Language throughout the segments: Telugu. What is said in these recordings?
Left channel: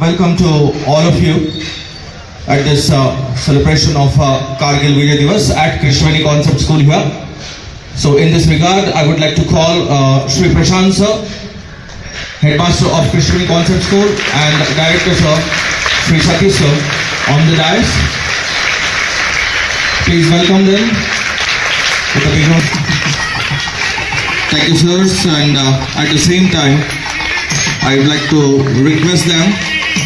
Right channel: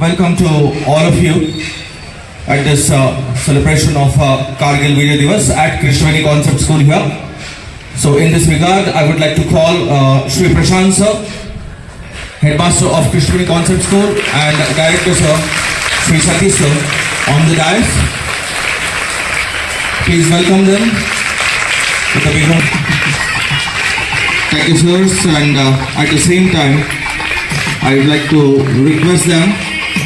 welcome to all of you at this celebration of Kargil Vijay Divas at Krishnaveni Concept School here. So in this regard, I would like to call Shri Prashant sir, Headmaster of Krishnaveni Concept School, and Director sir, Shri Satish sir, on the dais. Please welcome them with a big round. Thank you sirs, and at the same time, I would like to request them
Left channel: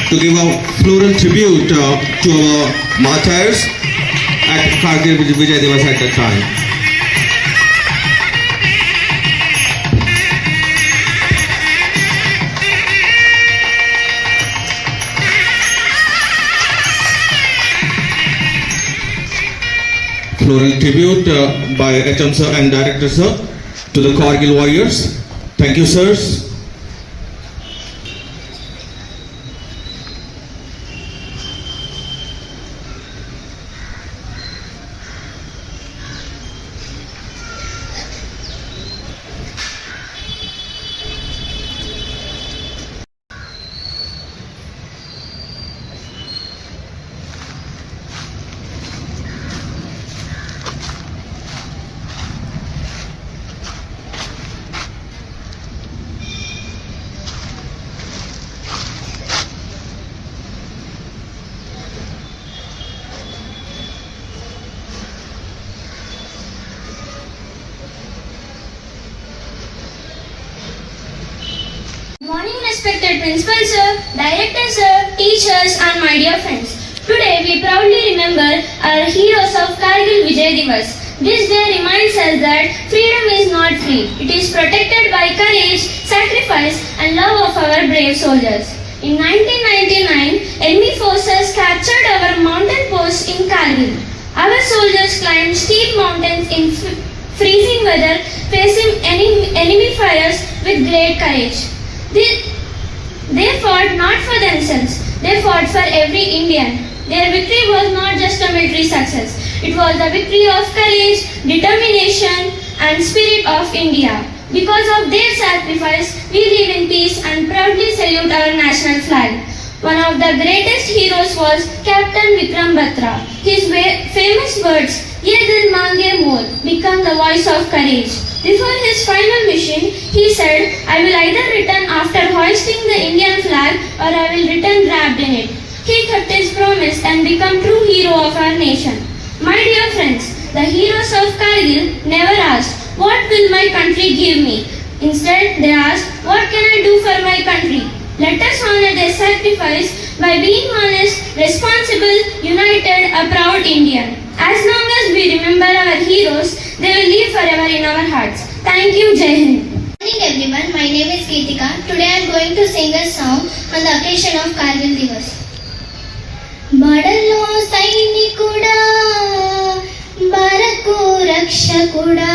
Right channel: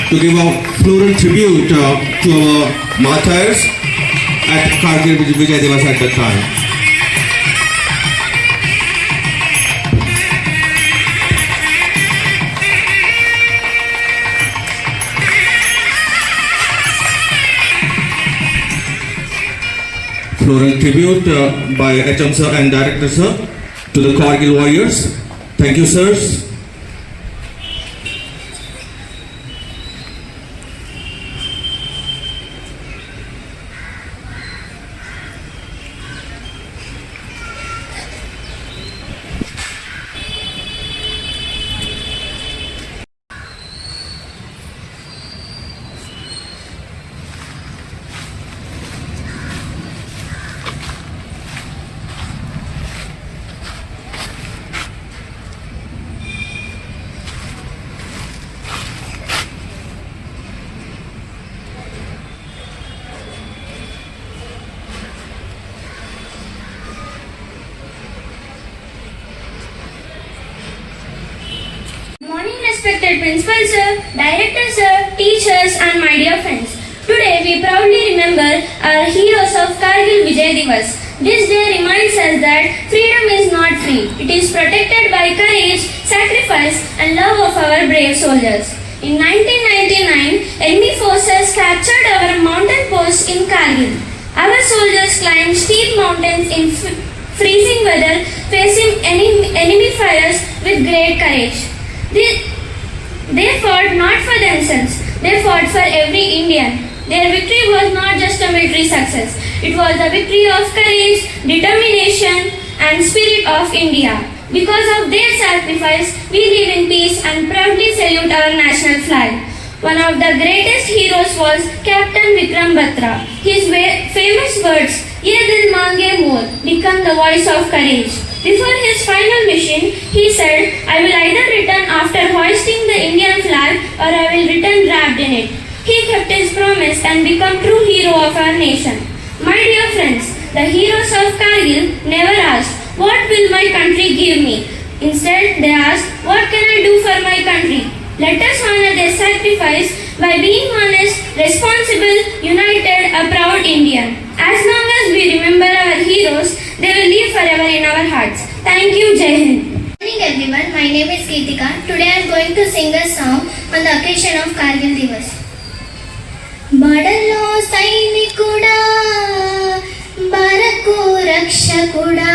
to give a floral tribute to our martyrs at Kargil Vijay Divas at that time. Floral tribute by HM sir and Director sir to the Kargil warriors. Thank you sirs. Respected Principal Sir, Director Sir, teachers and my dear friends. Today we proudly remember our heroes of Kargil Vijay Divas. This day reminds us that freedom is not free. It is protected by courage, sacrifice and love of our brave soldiers. In 1999, enemy forces captured our mountain post in Kargil. Our soldiers climbed steep mountains in freezing weather, facing enemy fires with great courage. They fought not for themselves, they fought for every Indian. Their victory was not just a military success, it was the victory of courage, determination and spirit of India. Because of their sacrifice, we live in peace and proudly salute our national flag. One of the greatest heroes was Captain Vikram Batra. His famous words, "Ye dil mange more," become the voice of courage. Before his final mission, he said, "I will either return after hoisting the Indian flag or I will return wrapped in it." He kept his promise and became true hero of our nation. My dear friends, the heroes of Kargil never asked, "What will my country give me?" Instead, they asked, "What can I do for my country?" Let us honor their sacrifice by being honest, responsible, united, a proud Indian. As long as we remember our heroes, they will live forever in our hearts. Thank you, Jai Hind. Good morning everyone, my name is Geetika. Today I am going to sing a song on the occasion of Kargil Divas. బడలో సైనికుడా బరకు రక్షకుడా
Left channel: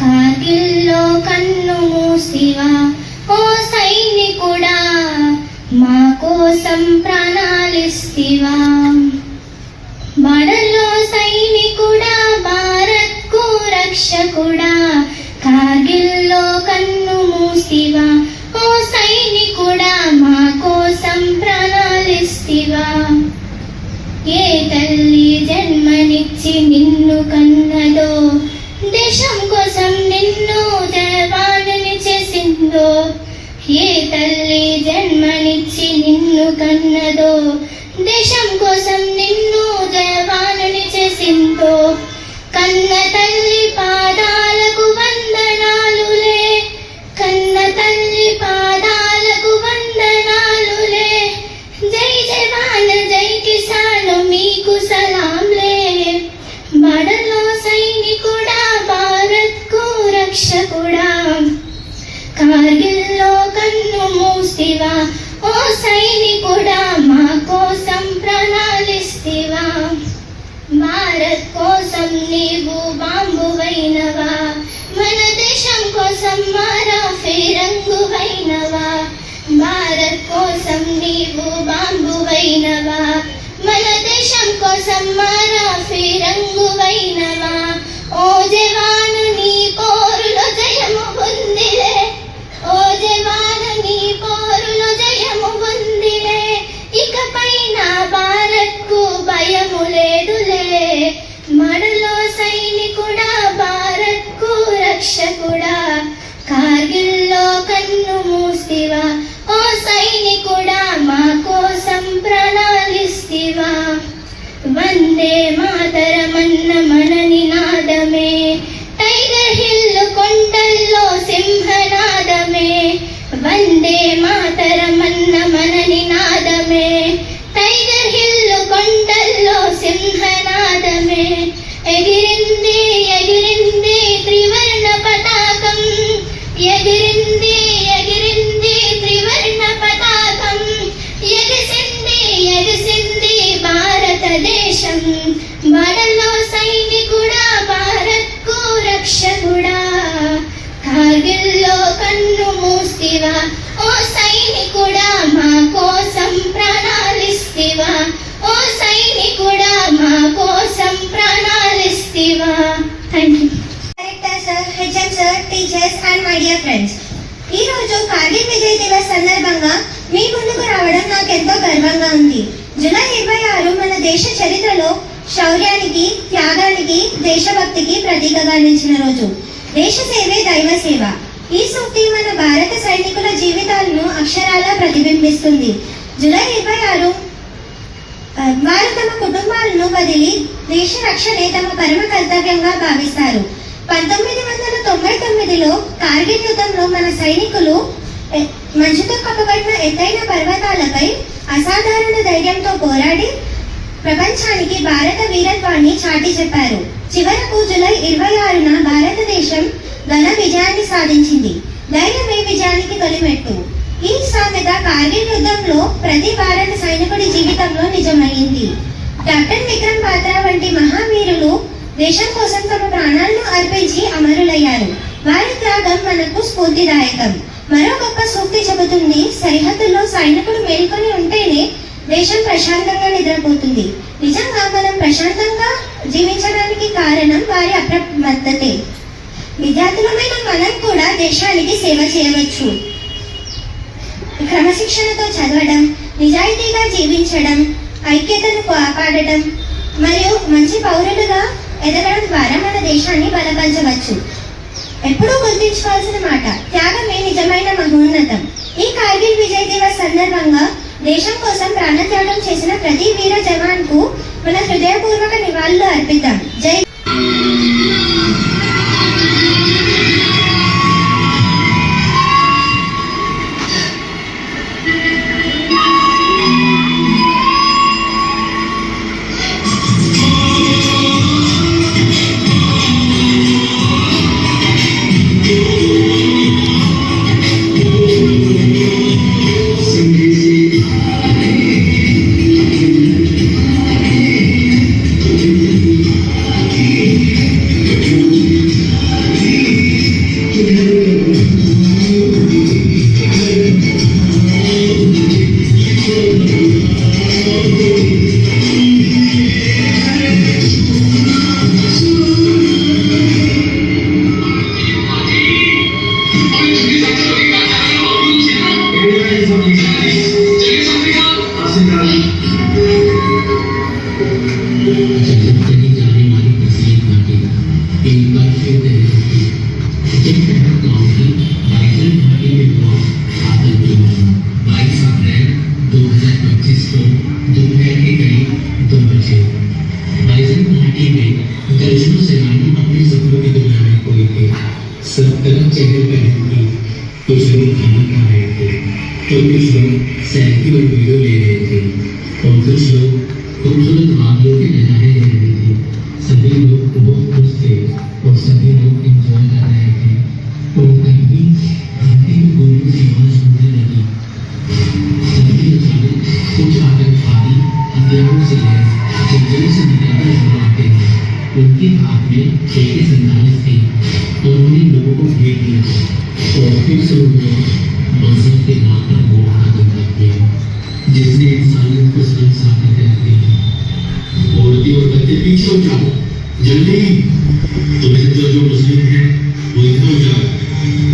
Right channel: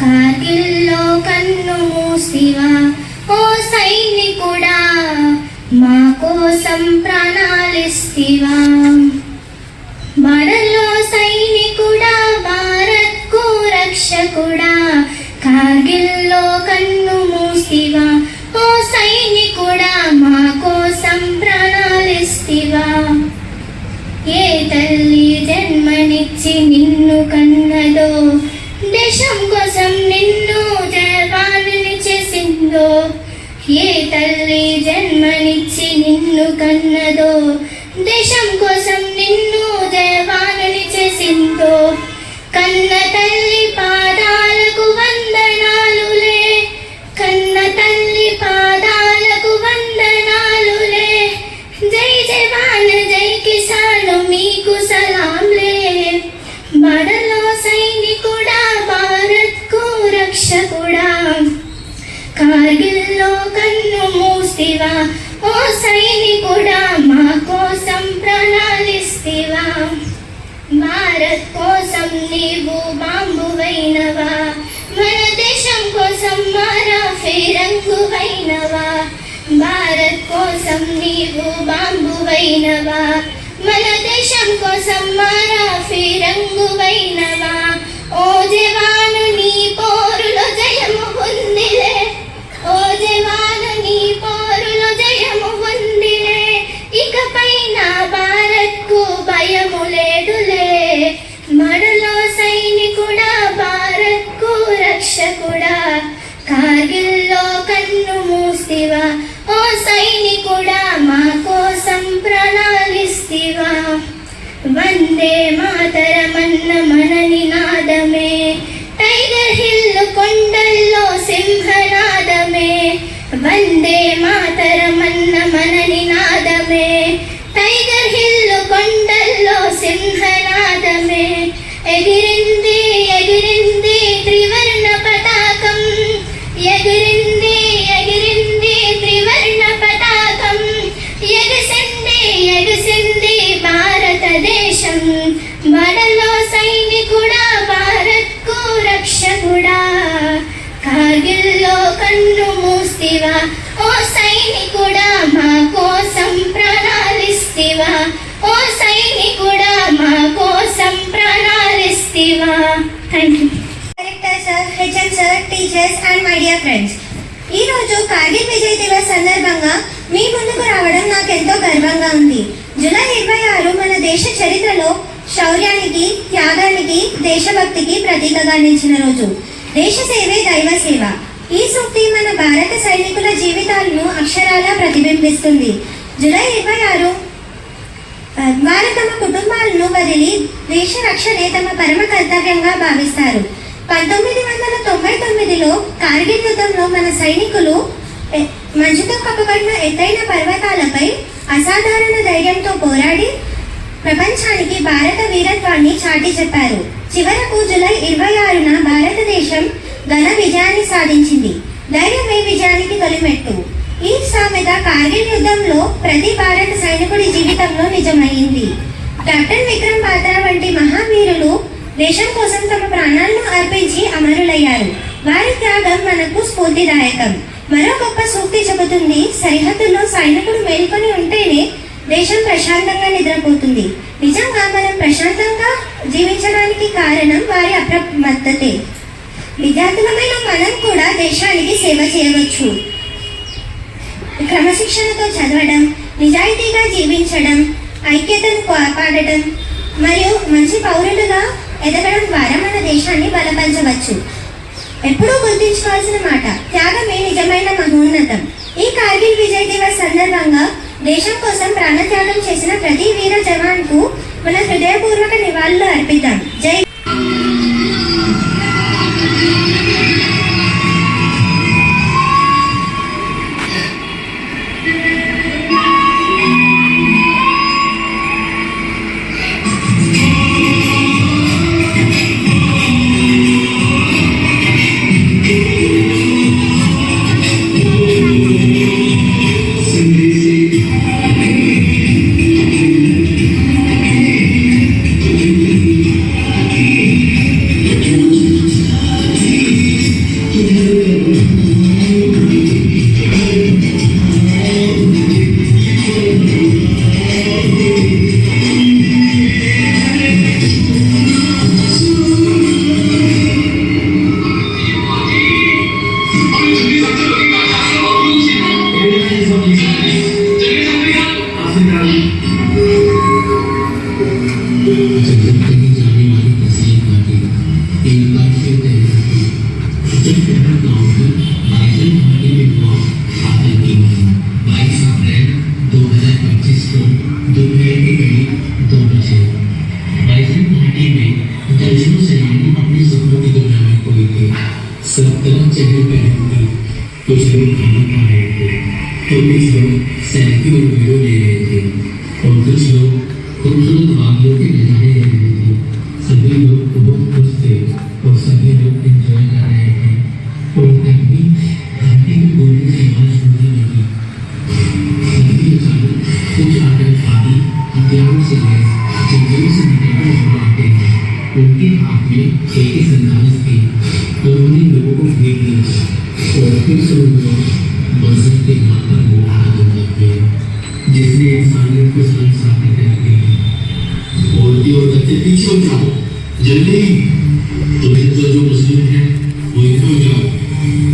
కార్గిల్లో కన్ను మూసివా ఓ సైనికుడా మా కోసం ప్రాణాలిస్తివా బడలో సైనికుడా భారత్కు రక్షకుడా కార్గిల్లో కన్ను మూసివా ఓ సైనికుడా మా కోసం ప్రాణాలిస్తివా ఏ తల్లి జన్మనిచ్చి నిన్ను కన్నదో దేశం కోసం నిన్ను జవానుని చేసిందో ఏ తల్లి జన్మనిచ్చి నిన్ను కన్నదో దేశం కోసం నిన్ను జవానుని చేసిందో కన్న తల్లి పాదాలకు వందనాలులే కన్న తల్లి పాదాలకు వందనాలులే జై జవాన్ జై కిసాన్ మీకు సలాంలే బడలో సైనికుడా భారత్కు రక్షకుడా కార్గిల్లో కన్ను మూసివా ఓ సైనికుడా మా కోసం ప్రాణాలిస్తివా భారత్ కోసం నీవు బాంబువైనవా మన దేశం కోసం మారా ఫిరంగువైనవా భారత్ కోసం నీవు బాంబువైనవా మన దేశం కోసం మారా ఫిరంగువైనవా ఓ జవాను నీ పోరులో జయము పొందిలే ఓ జవాను నీ పోరులో జయము పొంది కార్గిల్లో కన్ను మూస్తివా ఓ సైనికుడా మా కోసం ప్రాణాలిస్తివా ఓ సైనికుడా మా కోసం ప్రాణాలిస్తివా. Thank you. Director sir, HM sir, teachers and my dear friends, ఈ రోజు కార్గిల్ విజయ్ దివస్ సందర్భంగా మీ ముందుకు రావడం నాకు ఎంతో గర్వంగా ఉంది. జూలై 26 మన దేశ చరిత్రలో శౌర్యానికి, త్యాగానికి, దేశభక్తికి ప్రతీకగా నిలిచిన రోజు. దేశ సేవే దైవ సేవ. ఈ సూక్తి మన భారత సైనికుల జీవితాలను అక్షరాలా ప్రతిబింబిస్తుంది. జూలై 26 వారు తమ కుటుంబాలను వదిలి దేశ రక్షణే తమ పరమ కర్తవ్యంగా భావిస్తారు. 1999లో కార్గిల్ యుద్ధంలో మన సైనికులు మంచుతో కప్పబడిన ఎత్తైన పర్వతాలపై అసాధారణ ధైర్యంతో పోరాడి ప్రపంచానికి భారత వీరత్వాన్ని చాటి చెప్పారు. చివరకు జూలై 26న భారతదేశం ఘన విజయాన్ని సాధించింది. ధైర్యమే విజయానికి తొలిమెట్టు. ఈ సామెత కార్గిల్ యుద్ధంలో ప్రతి భారత సైనికుడి జీవితంలో నిజమైంది. కెప్టెన్ విక్రమ్ బాత్రా వంటి మహావీరులు దేశం కోసం తమ ప్రాణాలను అర్పించి అమరులయ్యారు. వారి త్యాగం మనకు స్ఫూర్తిదాయకం. మరో గొప్ప సూక్తి చెబుతుంది, సరిహద్దుల్లో సైనికులు మేల్కొని ఉంటేనే దేశం ప్రశాంతంగా నిద్రపోతుంది. నిజంగా మనం ప్రశాంతంగా జీవించడానికి కారణం వారి అప్రమత్తతే. విద్యార్థులమైన మనం కూడా దేశానికి సేవ చేయవచ్చు. క్రమశిక్షణతో చదవడం, నిజాయితీగా జీవించడం, ఐక్యతను కాపాడటం మరియు మంచి పౌరులుగా ఎదగడం ద్వారా మన దేశాన్ని బలపరచవచ్చు. ఎప్పుడూ గుర్తుంచుకోవాల్సిన మాట, త్యాగమే నిజమైన మహోన్నతం. ఈ కార్గిల్ విజయ్ దివస్ సందర్భంగా దేశం కోసం ప్రాణత్యాగం చేసిన ప్రతి వీర జవాన్కు మన హృదయపూర్వక నివాళులు అర్పిద్దాం. జై. कुछ लोग खाना खा रहे थे तो कुछ लोग सेल्फी और वीडियो ले रहे थे और कुछ लोग खूबसूरत वादियों के नजारे ले रहे थे। सभी लोग बहुत खुश थे और सभी लोग एंजॉय कर रहे थे और तभी घंटी की गोलियों की आवाज सुनने लगी। घंटी के चालू कुछ आतंकवादी हथियारों से लैस जंगलों से निकलकर आ रहे थे। उनके हाथ में एक संदेश थे तो उन्हीं लोगों को घेर लिया और फिर से उन्होंने मजहब के नाम पर मुआहदा किया जिसने इंसानियत को शर्मसार कर दिया। औरतें और बच्चे पीछे हो जाओ, जल्दी। तुम्हें तो जो मुस्लिम है वो इधर हो जाओ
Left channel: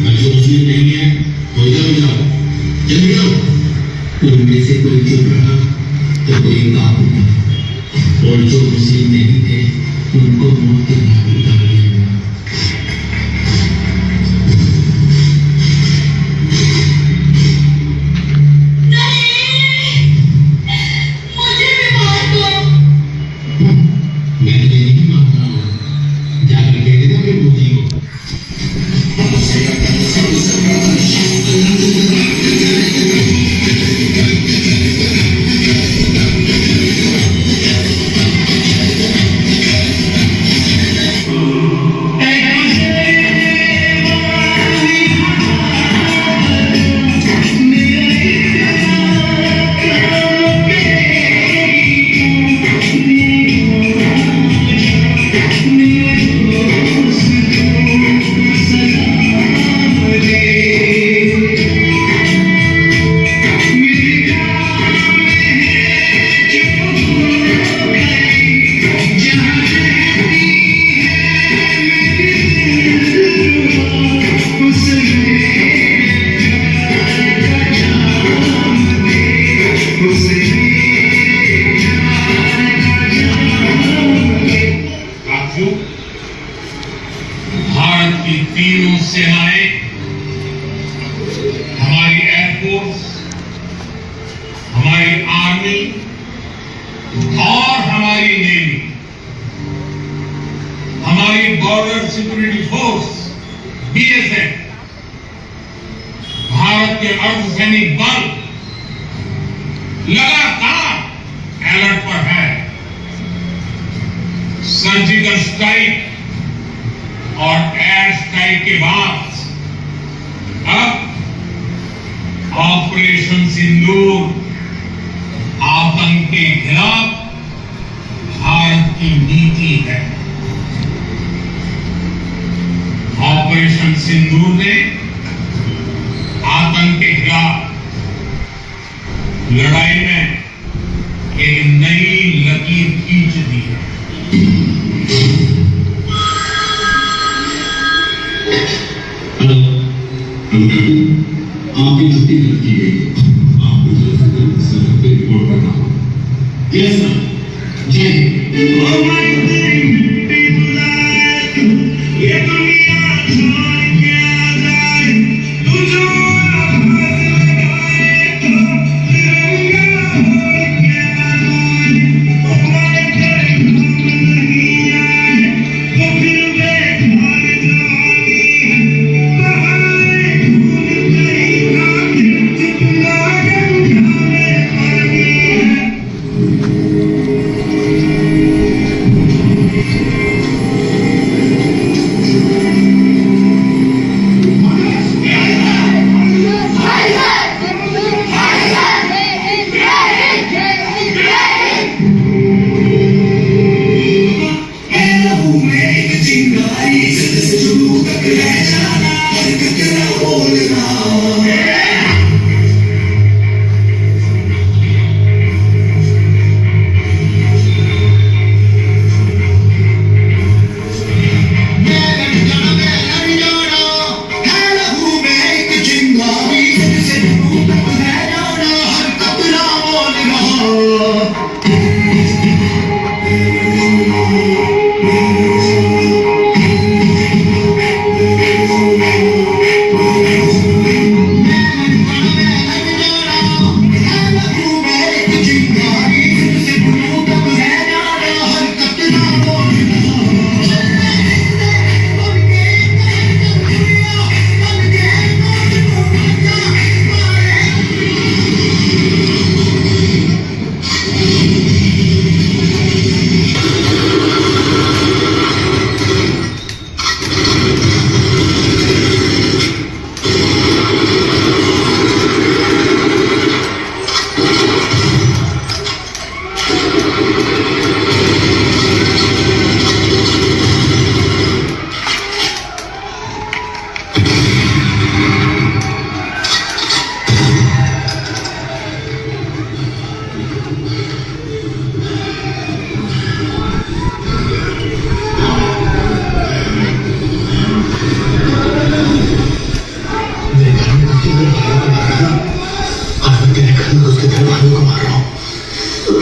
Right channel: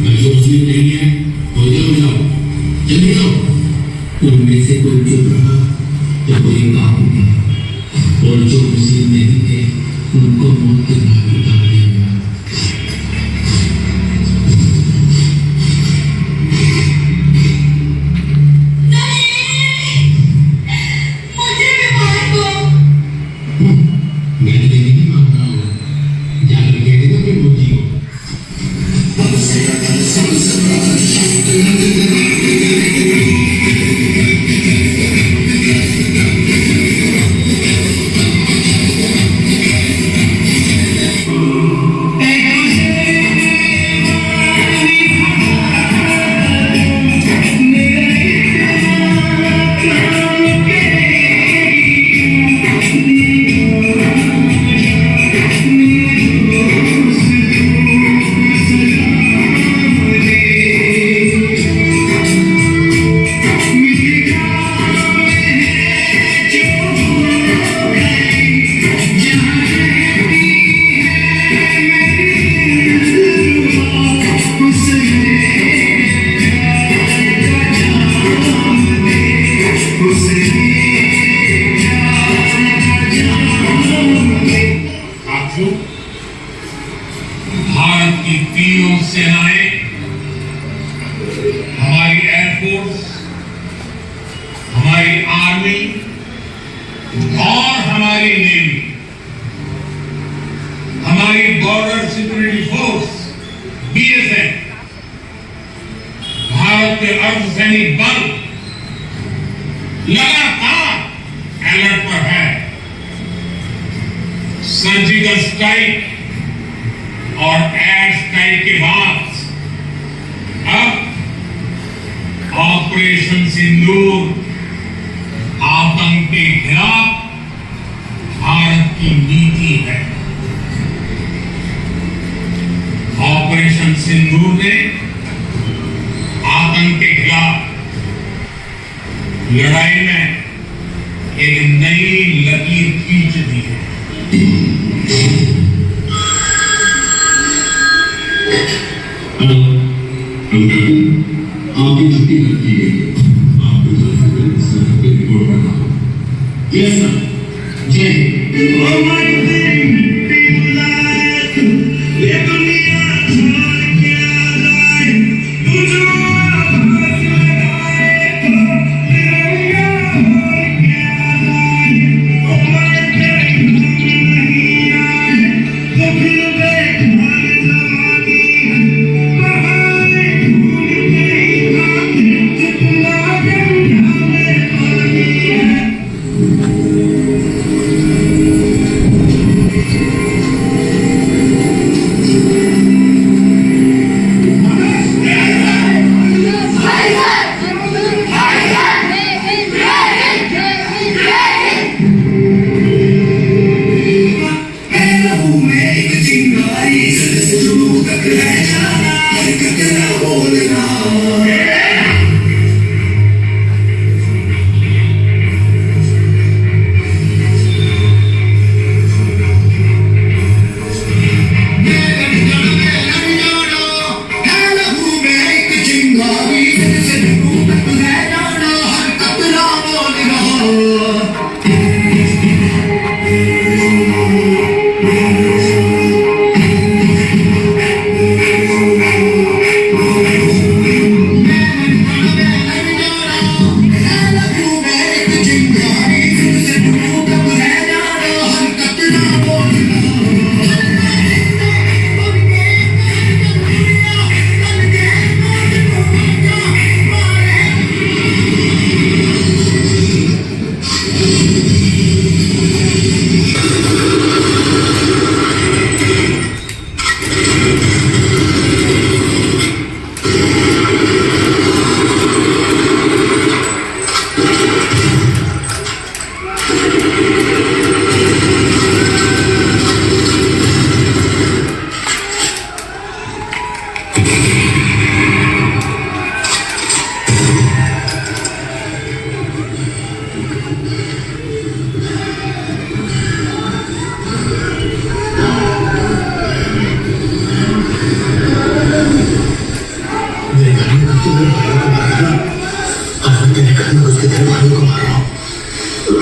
और जो मुस्लिम नहीं है वो इधर हो जाओ, जल्दी जाओ। उनमें से कोई चुप रहा तो कोई काम उठा और जो मुस्लिम नहीं थे उनको मौत के घाट उतार दिया। हमारी आर्मी और हमारी नेवी, हमारी border security force BSF, Bharat के अर्धसैनिक बल लगातार अलर्ट पर है। सर्जिकल स्ट्राइक और एयर स्ट्राइक के बाद अब ऑपरेशन सिंदूर आतंक के खिलाफ भारत की नीति है। ऑपरेशन सिंदूर ने आतंक के खिलाफ लड़ाई में एक नई लकीर खींच दी है। आपकी छुट्टी रखी गई है, आपको सर पे रिपोर्ट करना। यस सर, जय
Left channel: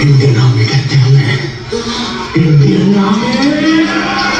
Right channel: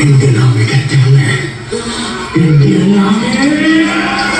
इनके नाम में कहते हुए इंडियन आर्मी